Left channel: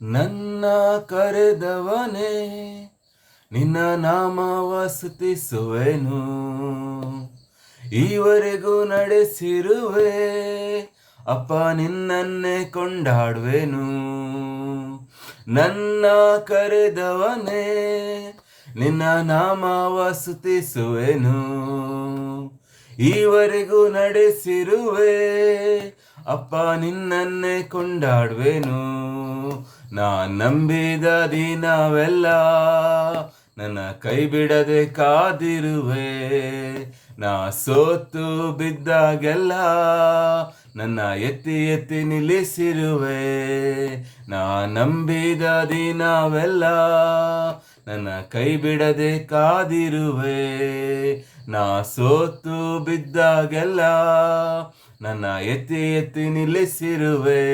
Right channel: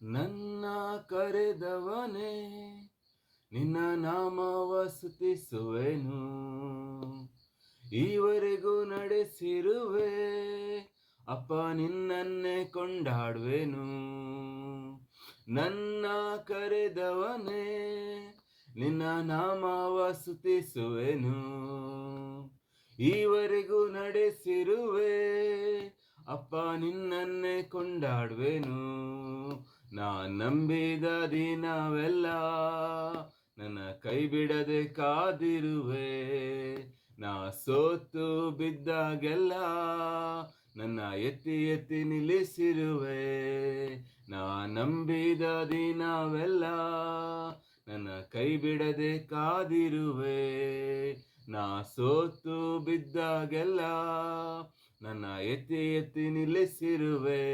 ನನ್ನ ಕರೆದವನೇ ನಿನ್ನ ನಾಮವ ಸ್ತುತಿಸುವೆನು. ಈವರೆಗೂ ನಡೆಸಿರುವೆ ಅಪ್ಪ ನಿನ್ನನ್ನೇ ಕೊಂಡಾಡುವೆನು. ನನ್ನ ಕರೆದವನೇ ನಿನ್ನ ನಾಮವ ಸ್ತುತಿಸುವೆನು. ಈವರೆಗೂ ನಡೆಸಿರುವೆ ಅಪ್ಪ ನಿನ್ನನ್ನೇ ಕೊಂಡಾಡುವೆನು. ನಾ ನಂಬಿದ ದಿನವೆಲ್ಲ ನನ್ನ ಕೈ ಬಿಡದೆ ಕಾದಿರುವೆ. ನಾ ಸೋತು ಬಿದ್ದಾಗೆಲ್ಲ ನನ್ನ ಎತ್ತಿ ಎತ್ತಿ ನಿಲ್ಲಿಸಿರುವೆ. ನಾ ನಂಬಿದ ದಿನವೆಲ್ಲ ನನ್ನ ಕೈ ಬಿಡದೆ ಕಾದಿರುವೆ. ನಾ ಸೋತು ಬಿದ್ದಾಗೆಲ್ಲ ನನ್ನ ಎತ್ತಿ ಎತ್ತಿ ನಿಲ್ಲಿಸಿರುವೆ.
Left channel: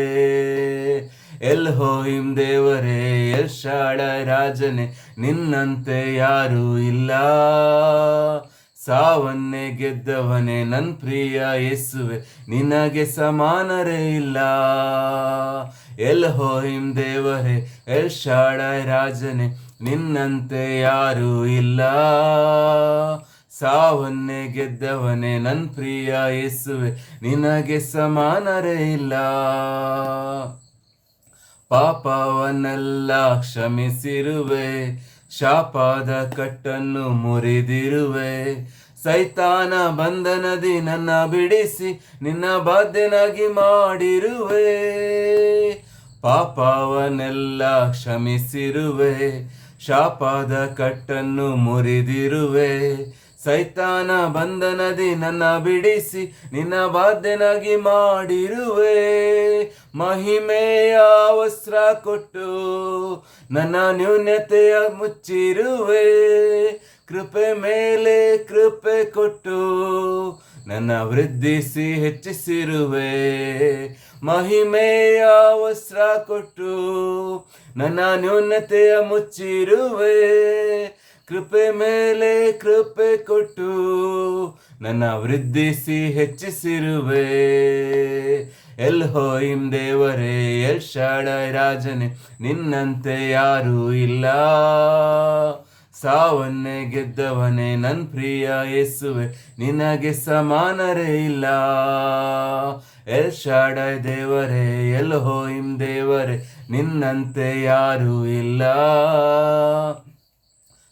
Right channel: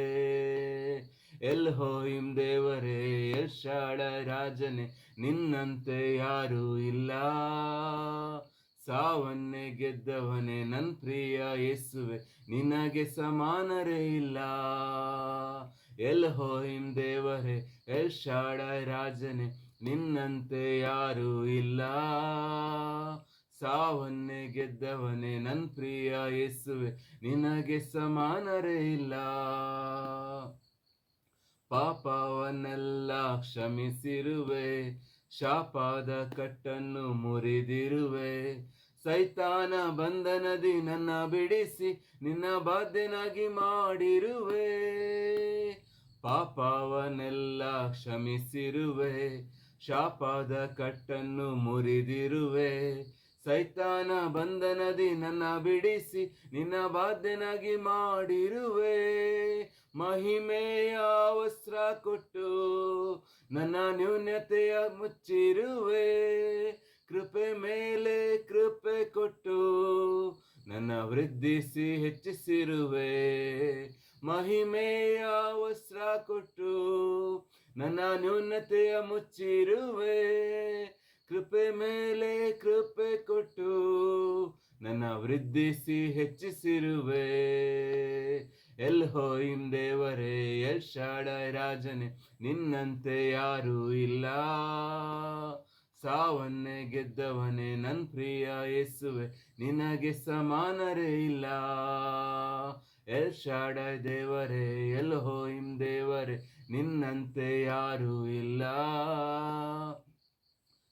ಎಲ್ಹೋಯಿಮ್ ದೇವರೇ, ಎಲ್ ಶಾಡೈ ರಾಜನೇ, ನಿನ್ನಂತೆ ಯಾರೂ ಇಲ್ಲ. ಸಾವನ್ನೇ ಗೆದ್ದವನೇ ನನ್ನ ಪ್ರಿಯ ಯೇಸುವೆ, ನಿನಗೆ ಸಮಾನರೇ ಇಲ್ಲ. ಎಲ್ಹೋಯಿಮ್ ದೇವರೇ, ಎಲ್ ಶಾಡೈ ರಾಜನೇ, ನಿನ್ನಂತೆ ಯಾರೂ ಇಲ್ಲ. ಸಾವನ್ನೇ ಗೆದ್ದವನೇ ನನ್ನ ಪ್ರಿಯ ಯೇಸುವೆ, ನಿನಗೆ ಸಮಾನರೇ ಇಲ್ಲ. ಪಾಪವನ್ನೆಲ್ಲ ಕ್ಷಮಿಸಿರುವೆ, ಶಾಪದ ಕಟ್ಟನ್ನು ಮುರಿದಿರುವೆ. ಸೈತಾನ ಬಂಧನದಿ ನನ್ನ ಬಿಡಿಸಿ ನಿನ್ನ ಬಾಧ್ಯನಾಗಿ ಮಾಡಿರುವೆ. ಪಾಪವನ್ನೆಲ್ಲ ಕ್ಷಮಿಸಿರುವೆ, ಶಾಪದ ಕಟ್ಟನ್ನು ಮುರಿದಿರುವೆ. ಸೈತಾನ ಬಂಧನದಿ ನನ್ನ ಬಿಡಿಸಿ ನಿನ್ನ ಬಾಧ್ಯನಾಗಿ ಮಾಡಿರುವೆ. ಮಹಿಮೆಯ ವಸ್ತ್ರ ಕೊಟ್ಟು ನನ್ನ ನ್ಯೂನತೆಯ ಮುಚ್ಚಿರುವೆ. ಕೃಪೆ ಮೇಲೆ ಕೃಪೆ ಕೊಟ್ಟು ನನ್ನ ವೃದ್ಧಿಸಿ ಹೆಚ್ಚಿಸಿರುವೆ. ಮಹಿಮೆಯ ವಸ್ತ್ರ ಕೊಟ್ಟು ನನ್ನ ನ್ಯೂನತೆಯ ಮುಚ್ಚಿರುವೆ. ಕೃಪೆ ಮೇಲೆ ಕೃಪೆ ಕೊಟ್ಟು ನನ್ನ ವೃದ್ಧಿಸಿ ಹೆಚ್ಚಿಸಿರುವೆ. ಎಲ್ಹೋಯಿಮ್ ದೇವರೇ, ಎಲ್ ಶಾಡೈ ರಾಜನೇ, ನಿನ್ನಂತೆ ಯಾರೂ ಇಲ್ಲ. ಸಾವನ್ನೇ ಗೆದ್ದವನೇ ನನ್ನ ಪ್ರಿಯ ಯೇಸುವೆ, ನಿನಗೆ ಸಮಾನರೇ ಇಲ್ಲ. ಎಲ್ ಶಾಡೈ ದೇವರೇ, ಎಲ್ಹೋಯಿಮ್ ದೇವರೇ, ನಿನ್ನಂತೆ ಯಾರೂ ಇಲ್ಲ.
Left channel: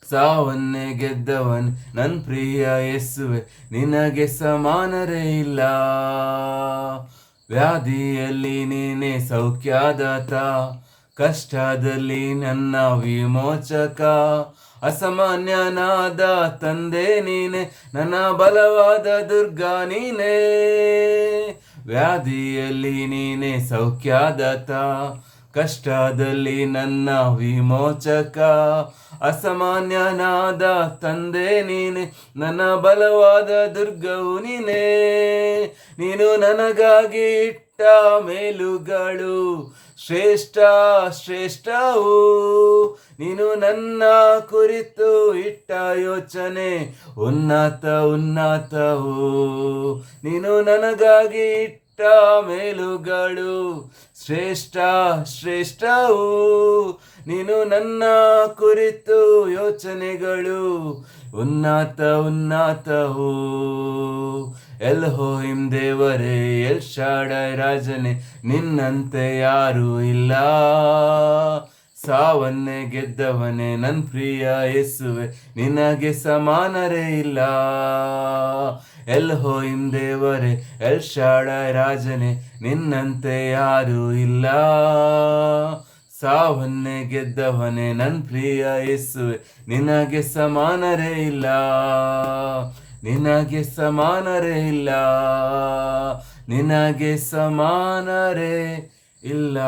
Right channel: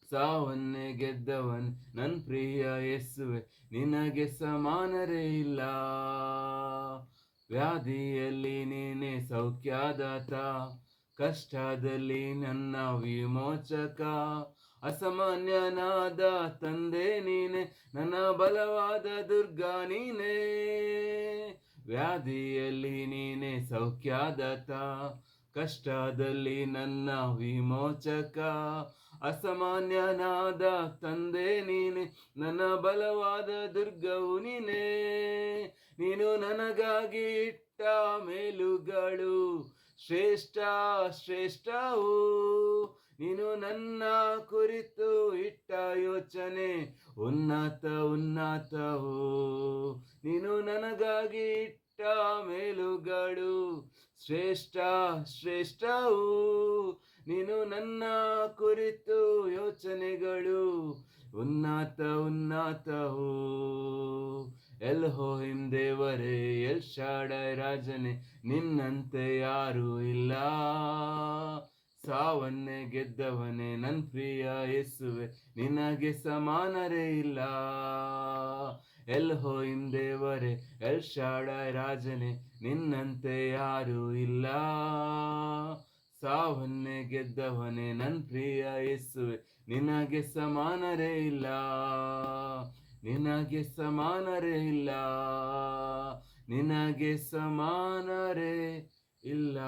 ಸಾವನ್ನೇ ಗೆದ್ದವನ್ ನನ್ನ ಪ್ರಿಯ ಯೇಸುವೆ, ನಿನಗೆ ಸಮಾನರೇ ಇಲ್ಲ. ವ್ಯಾಧಿಯಲ್ಲಿ ನೀನೇ ಸೌಖ್ಯದಾತ, ಕಷ್ಟದಲ್ಲಿ ನನ್ನ ವಿಮೋಚಕ. ಅಸಾಮಾನ್ಯನಾದ ತಂದೆ ನೀನೆ, ನನ್ನ ಬಲವಾದ ದುರ್ಗ ನೀನೇ. ವ್ಯಾಧಿಯಲ್ಲಿ ನೀನೇ ಸೌಖ್ಯದಾತ, ಕಷ್ಟದಲ್ಲಿ ನನ್ನ ವಿಮೋಚಕ. ಅಸಾಮಾನ್ಯನಾದ ತಂದೆ ನೀನೆ, ನನ್ನ ಬಲವಾದ ದುರ್ಗವು ನೀನೇ. ನೀನು ನನಗಾಗಿ ಇಟ್ಟ ಮೇಲುಗಳು ಶ್ರೇಷ್ಠ ಶ್ರೇಷ್ಠವು. ನೀನು ನನ್ನ ಕುರಿತು ಇಟ್ಟ ಯೋಚನೆ ಉನ್ನತ ಉನ್ನತವು. ನೀನು ನನಗಾಗಿ ಇಟ್ಟ ಮೇಲುಗಳು ಶ್ರೇಷ್ಠ ಶ್ರೇಷ್ಠವು. ನೀನು ನನ್ನ ಕುರಿತು ಯೋಚನೆಗಳು ಉನ್ನತ ಉನ್ನತವು. ಎಲ್ಹೋಯಿಮ್ ದೇವರೇ, ಎಲ್ ಶಾಡೈ ರಾಜನೇ, ನಿನ್ನಂತೆ ಯಾರೂ ಇಲ್ಲ. ಸಾವನ್ನೇ ಗೆದ್ದವನೇ ನನ್ನ ಪ್ರಿಯ ಯೇಸುವೆ, ನಿನಗೆ ಸಮಾನರೇ ಇಲ್ಲ. ಎಲ್ಹೋಯಿಮ್ ದೇವರೇ, ಎಲ್ ಶಾಡೈ ರಾಜನೇ, ನಿನ್ನಂತೆ ಯಾರೂ ಇಲ್ಲ. ಸಾವನ್ನೇ ಗೆದ್ದವನೇ ನನ್ನ ಪ್ರಿಯ ಯೇಸುವೆ, ನಿನಗೆ ಸಮಾನರೇ ಇಲ್ಲ. ನಿನಗೆ ಸಮಾನರೇ ಇಲ್ಲ. ನಿನಗೆ ಸಮಾನರೇ ಇಲ್ಲ.